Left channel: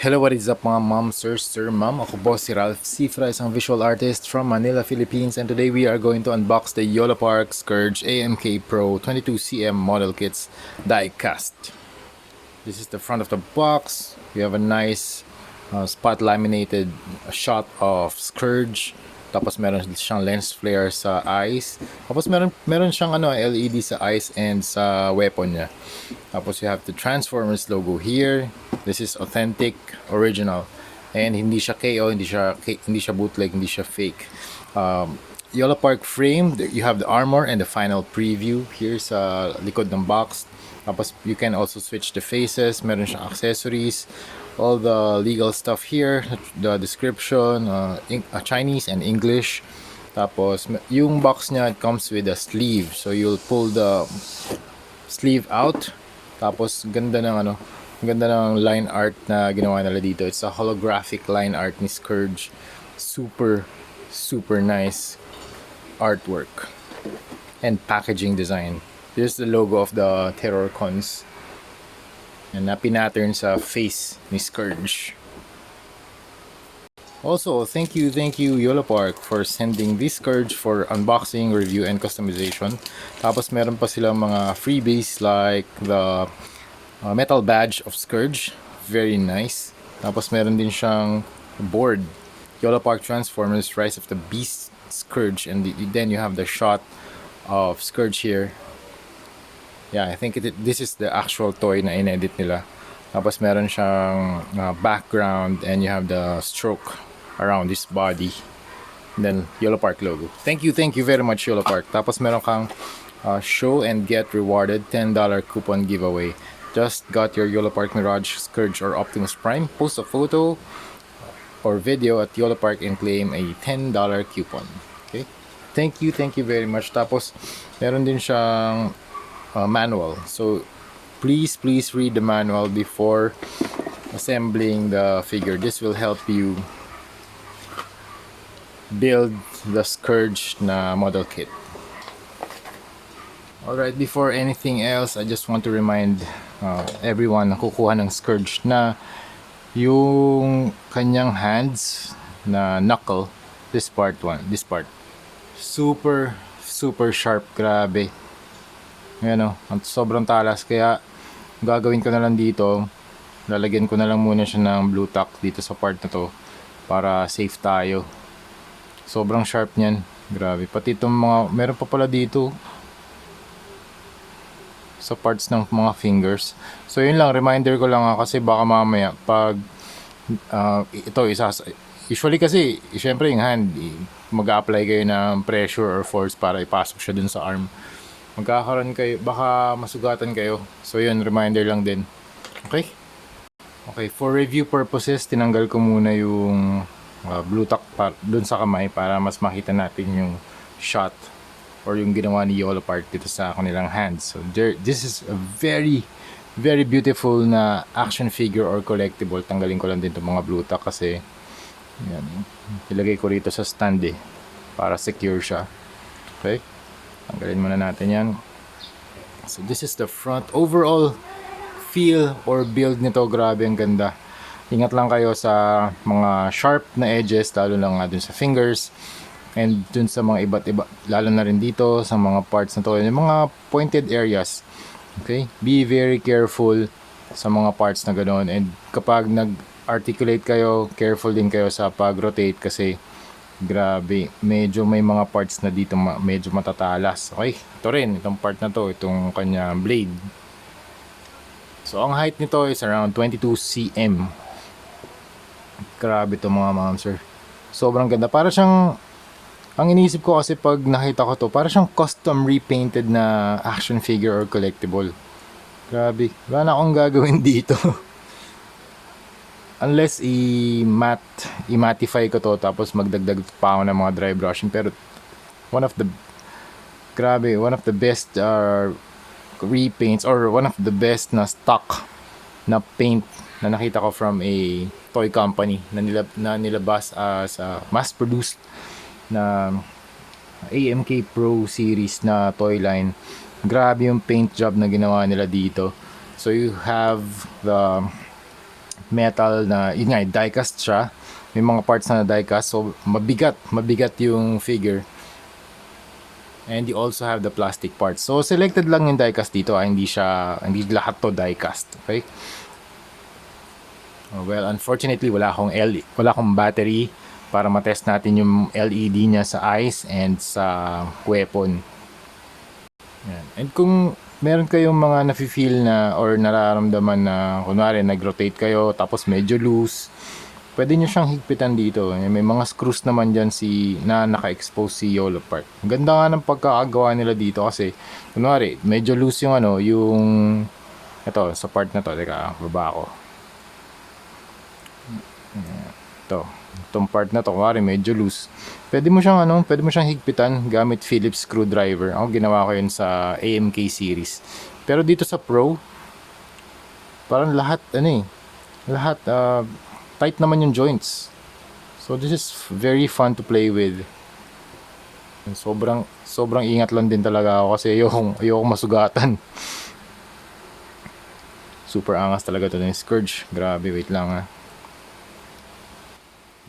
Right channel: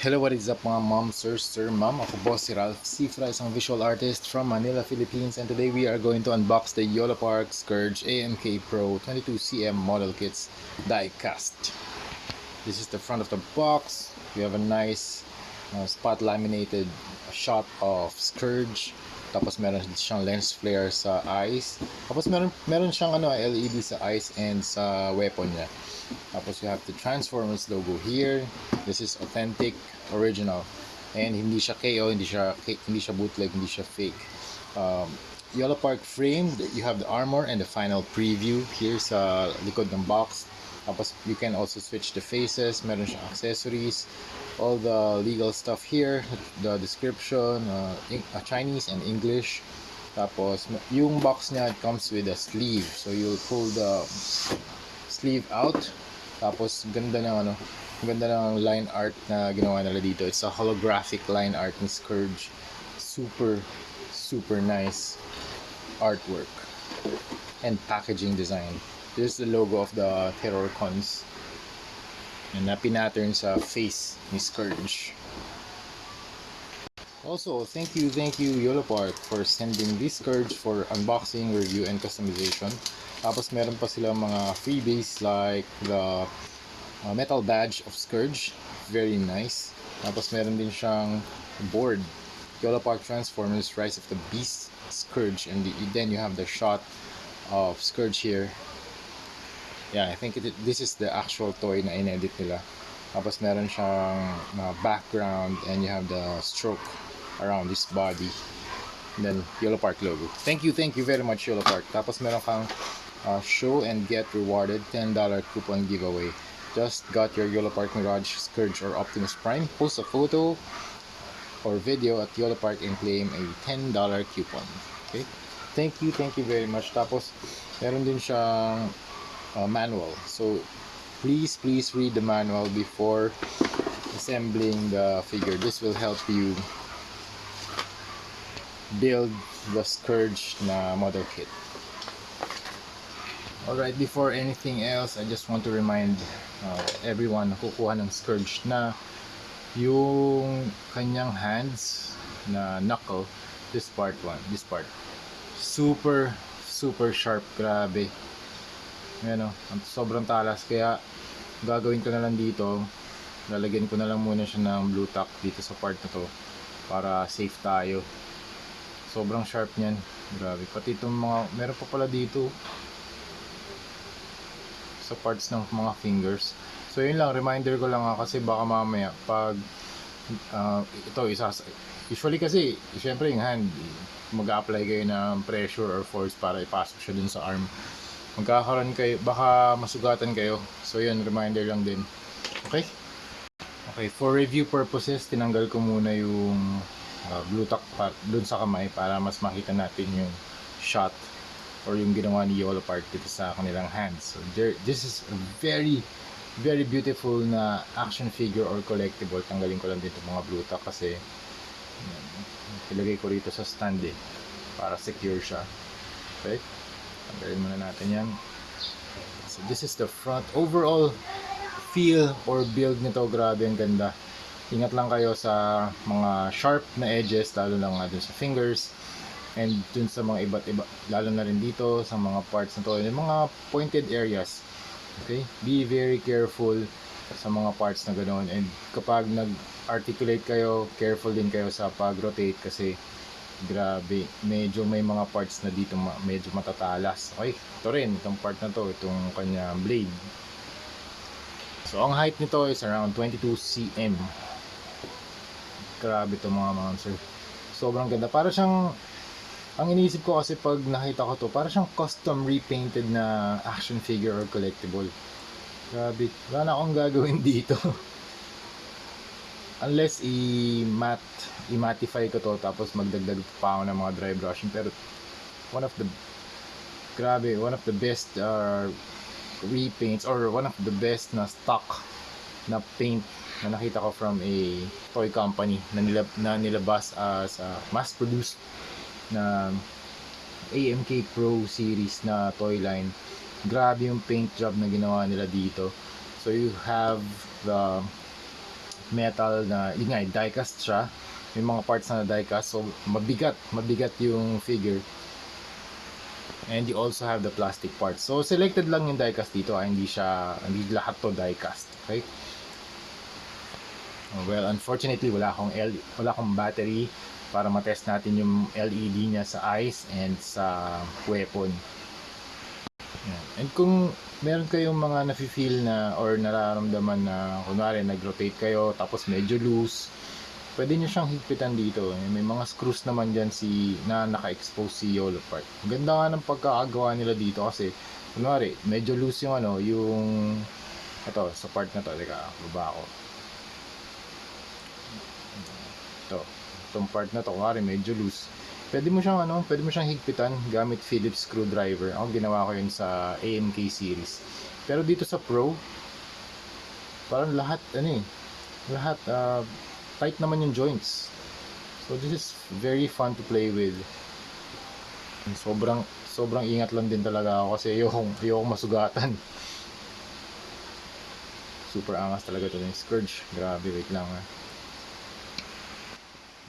Hello, what is up mga ma'am, sir, ma'am? Ako boss si Ralph Cifra, isang visual artist from Manila, Philippines. And today we are going to unbox the Yolopark Scourge AMK Pro 22cm model kits die cast. This is the front of the box. We have a nice spot laminated shot of Scourge. Tapos meron siyang lens flare sa eyes. Tapos meron siyang LED sa eyes and sa weapon niya. Tapos you have the Transformers logo here. This is authentic, original. And hindi siya KO, hindi siya bootleg, hindi siya fake. Yolopark frame, you have the armor and the final preview here sa likod ng box. Tapos you can also switch the faces, meron siyang accessories, all the legal stuff here, the description, Chinese and English. Tapos yung box niya, it comes with a sleeve. So you'll pull the sleeve out. Tapos ganda ng line art na ginawa nila dito. It's a holographic line art ni Scourge. Super nice artwork and packaging design. There's the logo of the Terror Cons na pinattern sa face ni Scourge. Also, thank you Yolopark for sending this Scourge for unboxing, review, and customization. Tapos meron pa silang mga freebies like the metal badge of Scourge, very nice. Tapos meron din siyang board, Yolopark Transformers Rise of the Beast Scourge, and then you have the shot of Scourge here. Yeah, I think this is the actual toy na inedit nila. Tapos meron siyang background and you have the stroke around his body. And then Yolopark logo. Thank you very much Yolopark. Tapos meron kang show and get rewarded $10 coupon giveaway. Just got your Yolopark Mirage, Scourge, or Optimus Prime. Post a photo or video at Yolopark and claim a $10 coupon. Okay? Thank you very much. Tapos meron din siyang manual. So please read the manual before assembling the figure. This will help you build the Scourge na model kit. Alright, before anything else, I just want to remind everyone na kukuha ng Scourge na yung kanyang hands na knuckle, this part, super sharp, grabe. Yan sobrang talas, kaya gagawin ko na lang dito, lalagyan ko na lang muna siya ng blue tack dito sa part na to para safe tayo. Sobrang sharp niyan, grabe. Pati itong meron pa pala dito sa parts ng mga fingers. So yun lang, reminder ko lang kasi baka mamaya pag usually kasi syempre yung hand, mag-a-apply kayo ng pressure or force para ipasok siya dun sa arm. Magkakaroon kayo, baka masugatan kayo. So yun, reminder lang din. Okay, for review purposes, tinanggal ko muna yung blue tack dun sa kamay para mas makita natin yung shot or yung ginawa ni Yolopark dito sa kanilang hands. So this is a very beautiful na action figure or collectible. Tanggalin ko lang din itong mga blue tack kasi yan, ilagay ko rito sa stand para secure siya. Okay, tanggalin muna natin yan. So this is the front. Overall feel or build nito, grabe, ang ganda. Ingat lang kayo sa mga sharp na edges, lalo lang nga dun sa fingers and dun sa mga iba't iba, lalo na rin dito sa mga parts na to, yung mga pointed areas. Okay, be very careful sa mga parts na ganoon, and kapag nag-articulate kayo, careful din kayo sa pag-rotate kasi grabe, medyo may mga parts na dito medyo matatalas. Okay, ito rin, itong part na to, itong kanya blade. So ang height nito is around 22 cm. Grabe to mga ma'am sir, sobrang ganda. Para siyang, ang iniisip ko kasi pag nakita ko to, para siyang custom repainted na action figure or collectible. Grabe, wala na akong gagawin dito unless i-mattify ko to tapos magdagdag pa ako ng mga dry brushing. Pero one of the best repaints or one of the best na stock na paint na nakita ko from a toy company na nilabas as mass produced na AMK Pro series na toy line. Grabe yung paint job na ginawa nila dito. So you have the metal na, yun nga, die-cast siya. May mga parts na die-cast, so mabigat yung figure. And you also have the plastic parts. So selected lang yung die-cast dito, hindi lahat to die-cast, okay? Well, unfortunately, wala akong battery para matest natin yung LED niya sa eyes and sa weapon. Yan. And kung meron kayong mga nafe-feel na or nararamdaman na kunwari nag-rotate kayo tapos medyo loose, pwede nyo siyang higpitan dito. May mga screws naman dyan na naka-expose si YOLO part. Ang ganda nga ng pagkakagawa nila dito kasi kunwari medyo loose yung ito sa part na to. Teka, baba ako. Itong part na to, kunwari medyo loose. Pwede mo siyang higpitan gamit Phillips screwdriver. Ako ginawa ko yun sa AMK series. Pero dito sa Pro, parang lahat tight naman yung joints. So this is very fun to play with. And sobrang ingat lang din talaga ako kasi ayoko masugatan. Super angas talaga to ng Scourge. Grabe, wait lang ha.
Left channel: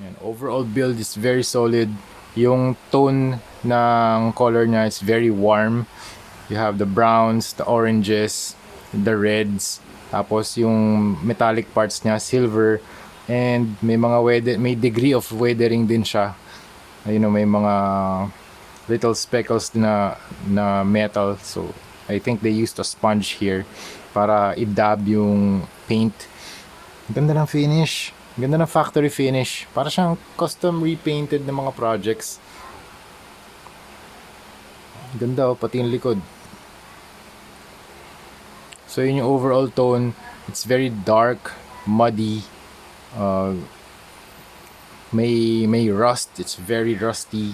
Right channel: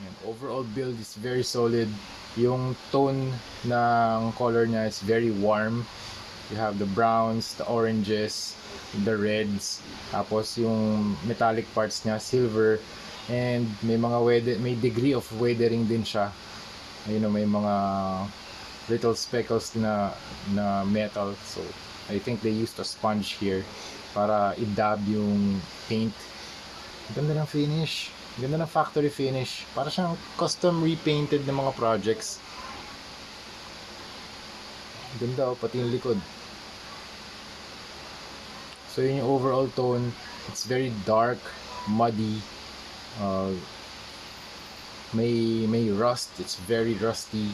Yan, overall build is very solid. Yung tone ng color niya is very warm. You have the browns, the oranges, the reds. Tapos yung metallic parts niya, silver. And may degree of weathering din siya. May mga little speckles na metal. So I think they used a sponge here para i-dab yung paint. Ganda ng finish. Ganda ng factory finish. Para siyang custom repainted ng mga projects. Ganda pati yung likod. So yun yung overall tone. It's very dark, muddy. May rust. It's very rusty.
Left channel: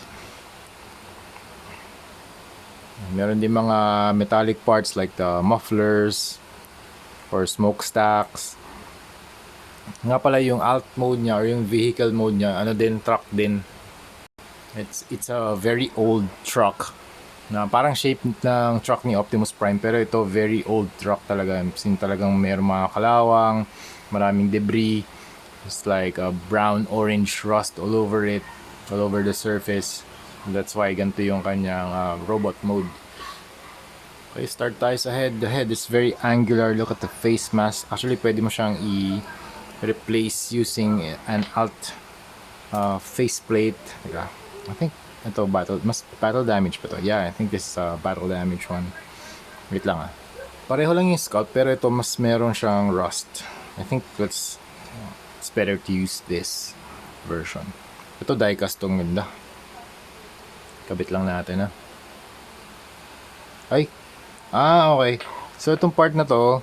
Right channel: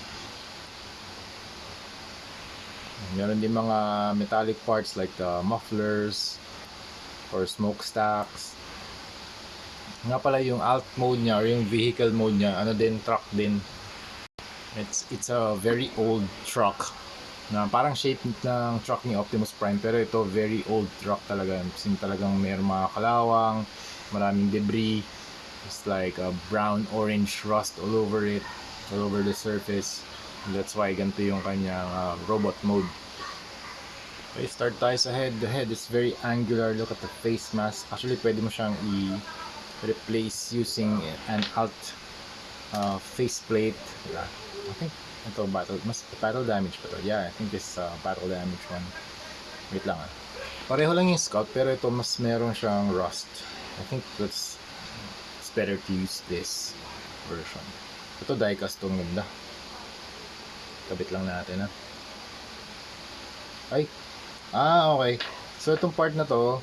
Meron din mga metallic parts like the mufflers or smokestacks. Nga pala yung alt mode niya or yung vehicle mode niya, truck din. It's a very old truck na parang shape ng truck ni Optimus Prime, pero ito very old truck talaga. Talagang mayroong mga kalawang, maraming debris. It's like a brown orange rust all over it, all over the surface. And that's why ganito yung kanyang robot mode. Okay, start tayo sa head. The head is very angular. Look at the face mask. Actually, pwede mo siyang replace using an alt faceplate. I think ito battle damage pa to. Yeah, I think this is a battle damage one. Wait lang Pareho lang yung Scout, pero ito mas meron siyang rust. I think it's better to use this version. Ito die-cast tong ganda. Kabit lang natin Ay. Okay. So itong part na to,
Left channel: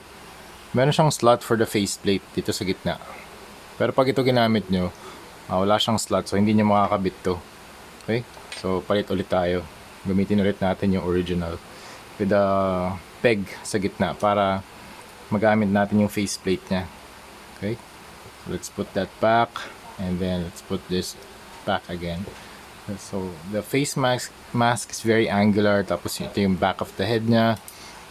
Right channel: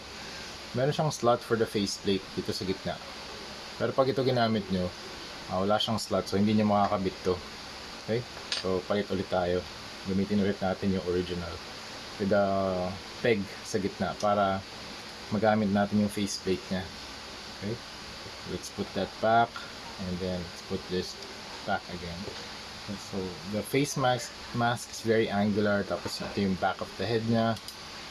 meron siyang slot for the faceplate dito sa gitna. Pero pag ito ginamit nyo, wala siyang slot, so hindi nyo makakabit to. Okay? So palit ulit tayo. Gamitin ulit natin yung original with the peg sa gitna para magamit natin yung faceplate niya. Okay? Let's put that back and then let's put this back again. Okay, so the face mask is very angular, tapos ito yung back of the head niya.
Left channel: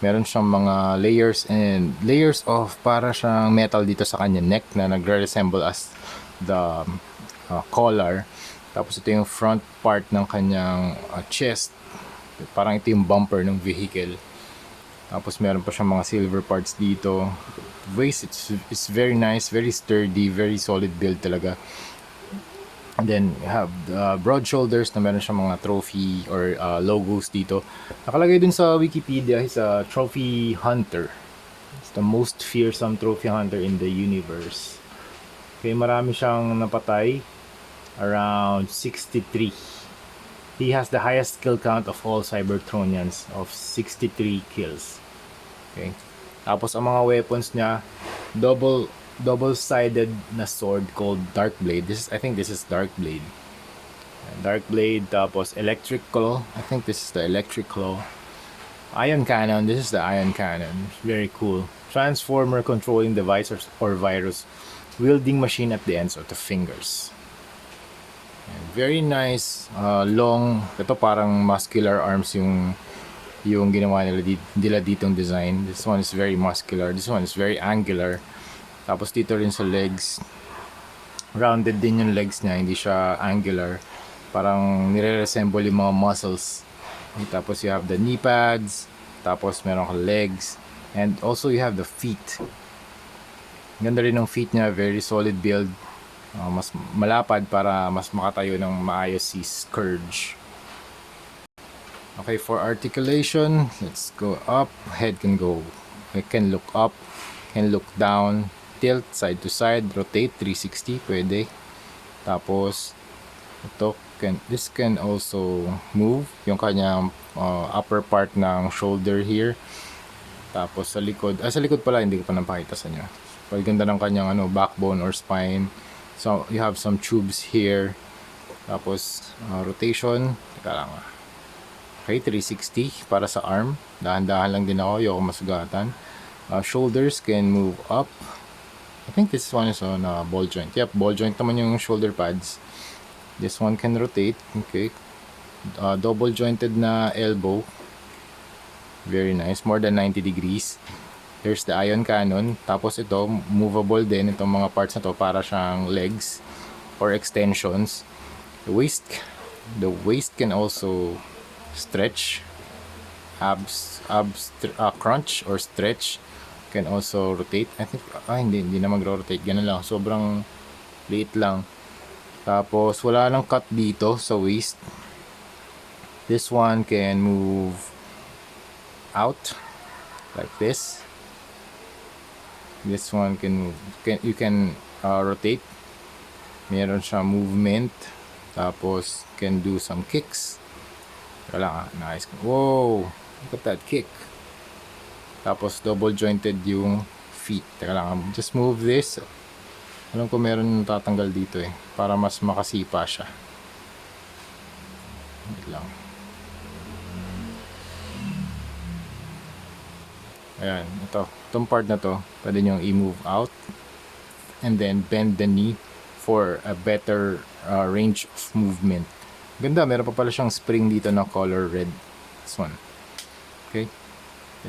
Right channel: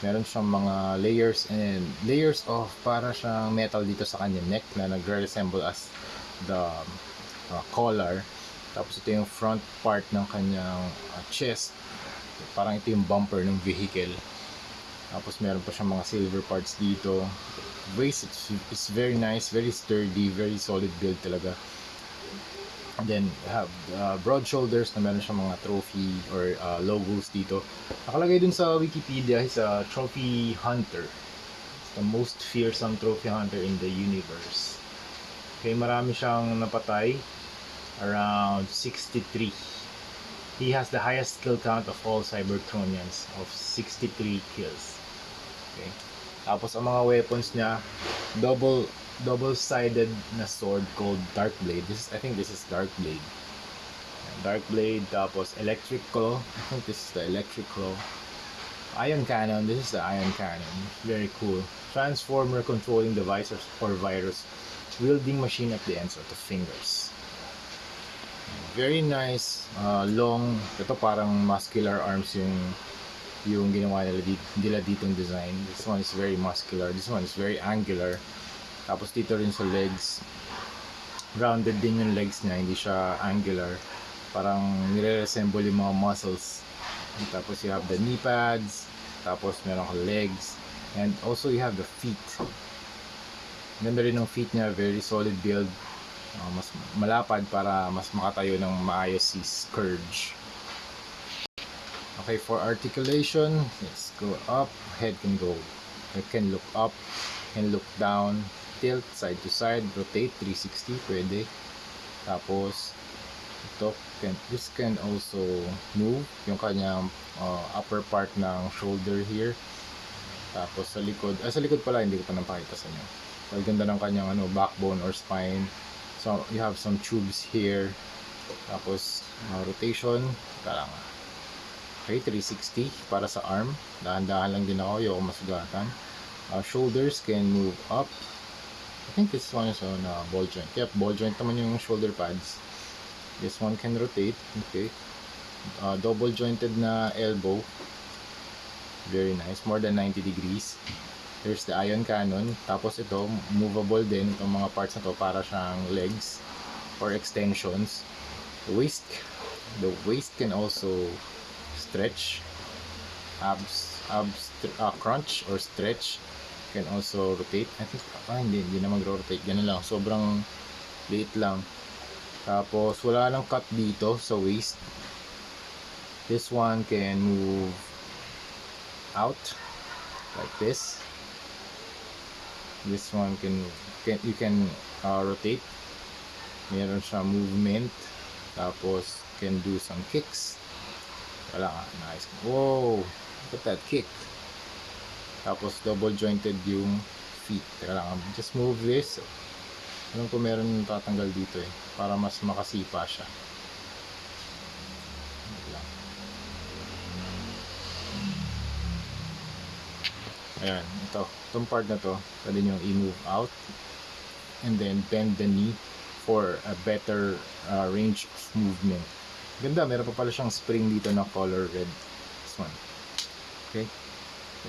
Meron siyang mga layers of para siyang metal dito sa kanya neck na nagre-resemble as the collar. Tapos ito yung front part ng kanyang chest. Parang ito yung bumper ng vehicle. Tapos meron pa siyang mga silver parts dito. Waist, it's very nice, very sturdy, very solid build talaga. And then you have broad shoulders na meron siyang mga trophy or logos dito. Nakalagay dun sa Wikipedia, he's a trophy hunter. It's the most fearsome trophy hunter in the universe. Okay, marami siyang napatay. Around 63. He has the highest kill count of all Cybertronians of 63 kills. Okay. Tapos ang mga weapons niya, double-sided na sword called Dark Blade. I think this is Dark Blade. Dark Blade, tapos Electric Claw. I think this is the Electric Claw. Ion Cannon, this is the Ion Cannon. Very cool. Transformer controlling devices or virus. Wielding machine at the ends of the fingers. Very nice, long. Ito parang muscular arms yung ginawa nila ditong design. This one is very muscular. This one is very angular. Tapos dito rin sa legs, rounded din yung legs niya, hindi siya angular. Parang nire-resemble yung mga muscles. Tapos you have the knee pads, tapos meron ka legs, and also you have the feet. Ganda rin ng feet niya, very solid build. Mas malapad para mas makatayo ng maayos si Scourge. Okay, for articulation, let's go up. Head can go, it can look up, can look down, tilt side to side, rotate 360 pwede. Tapos ito this can also move yung kanyang upper part ng shoulder here. Tapos sa likod, sa likod pala hindi ko pa napakita sa inyo. Paganda ng kanyang backbone or spine. So you have some tubes here. Tapos rotation, okay, 360 para sa arm. Dahan-dahan lang din ako, ayoko masugatan. Shoulders can move up. I think this one is on ball joint. Yep, ball joint naman yung shoulder pads. This one can rotate. Okay. Double jointed na elbow. Very nice. More than 90 degrees. There's the ion cannon. Tapos ito, movable din. Itong mga parts na to para siyang legs or extensions. The waist can also stretch. Abs crunch or stretch. Can also rotate. I think, hindi na mag-rotate. Ganun lang. Sobrang liit lang. Tapos wala nang cut dito sa waist. This one can move out like this. This one can move. You can rotate. Meron siya movement. Tapos can do some kicks. Wala nice. Whoa! Look at that kick. Tapos double jointed yung feet. Teka lang, just move this. Alam ko meron tatanggal dito para mas makasipa siya. Wait lang. Ayan, itong part na to, pwede nyo i-move out and then bend the knee for a better range of movement. Ganda, meron pa pala siyang spring dito na color red. This one. Okay.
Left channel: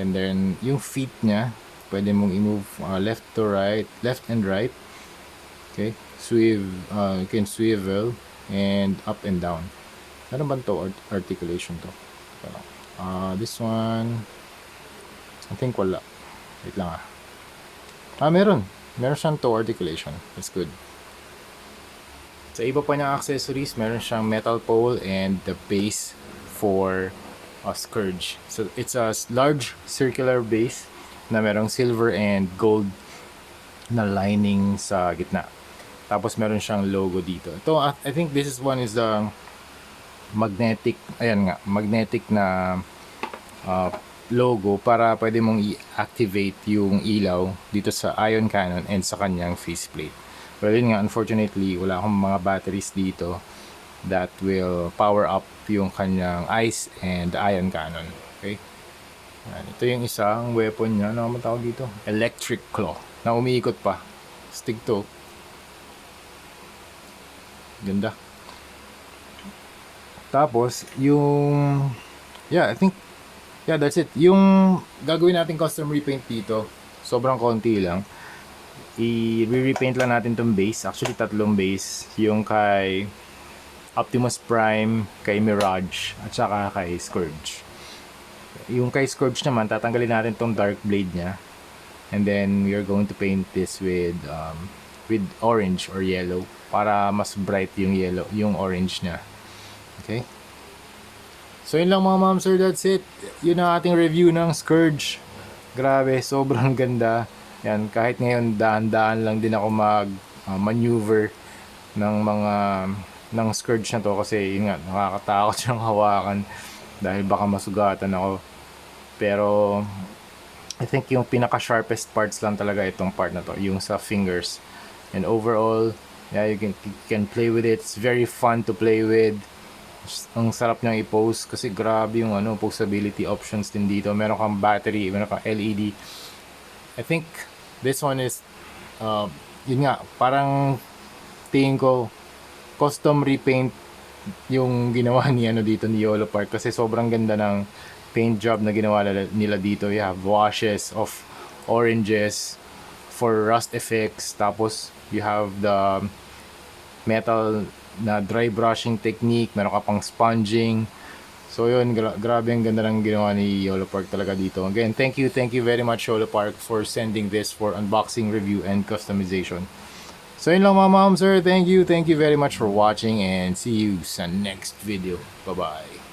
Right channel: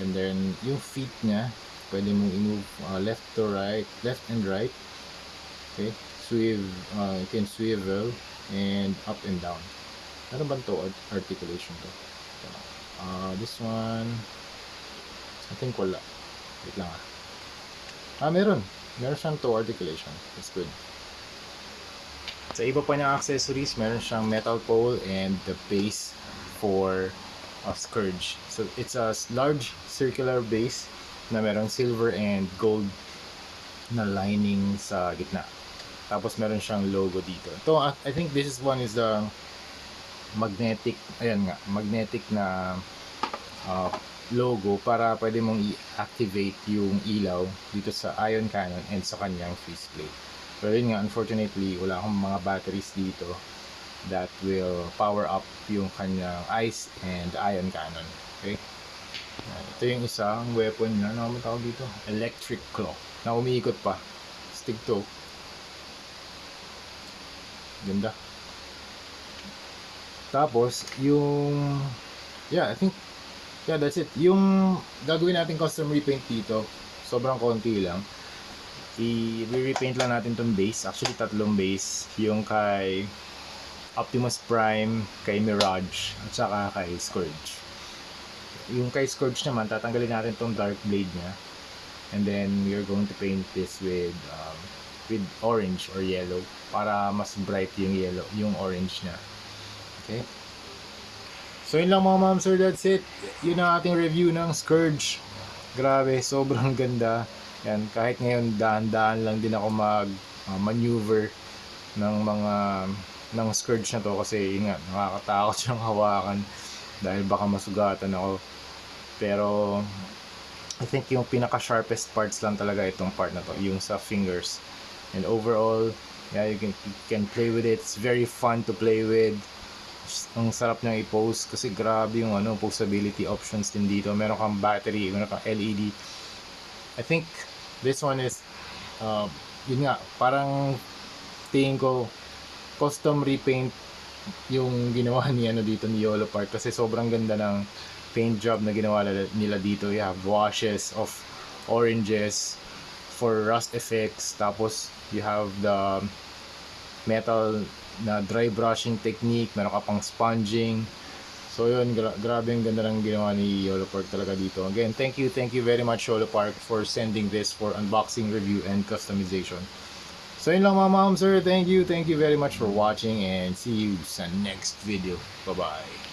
And then yung feet niya, pwede mong i-move left to right, left and right. Okay, you can swivel and up and down. Meron ba ito articulation to? This one, I think wala. Wait lang meron siyang toe articulation. That's good. Sa iba pa niyang accessories, meron siyang metal pole and the base for a Scourge. So it's a large circular base na merong silver and gold na lining sa gitna. Tapos meron siyang logo dito. Ito, I think this one is the magnetic, magnetic na logo para pwede mong i-activate yung ilaw dito sa ion cannon and sa kanyang faceplate. Pero yun nga, unfortunately, wala akong mga batteries dito that will power up yung kanyang eyes and ion cannon. Okay? Ito yung isang weapon niya. Ano naman tawag dito? Electric claw. Na umiikot pa. Stick to. Ganda. Tapos, I think, that's it. Yung gagawin natin custom repaint dito, sobrang konti lang. I-repaint lang natin tong base. Actually, 3 base. Yung kay Optimus Prime, kay Mirage, at saka kay Scourge. Yung kay Scourge naman, tatanggalin natin tong dark blade niya. And then, we are going to paint this with orange or yellow para mas bright yung orange niya. Okay? So yun lang mga ma'am sir, that's it. Yun ang ating review ng Scourge. Grabe, sobrang ganda. Yan, kahit ngayon daan-daan lang din ako maneuver ng Scourge na to kasi yun nga, nakakatakot siyang hawakan dahil baka masugatan ako. Pero I think yung pinaka sharpest parts lang talaga itong part na to, yung sa fingers. And overall, you can play with it. It's very fun to play with. Ang sarap niyang i-pose kasi grabe yung posability options din dito. Meron kang battery, meron kang LED. I think this one is yun nga, parang tingin ko custom repaint yung ginawa dito ni Yolo Park kasi sobrang ganda ng paint job na ginawa nila dito. You have washes of oranges, for rust effects. Tapos you have the metal na dry brushing technique, meron ka pang sponging. So yun, grabe ang ganda ng ginawa ni Yolo Park talaga dito. Again, thank you very much Yolo Park for sending this for unboxing, review, and customization. So yun lang mga ma'am sir, thank you very much for watching and see you sa next video. Bye bye.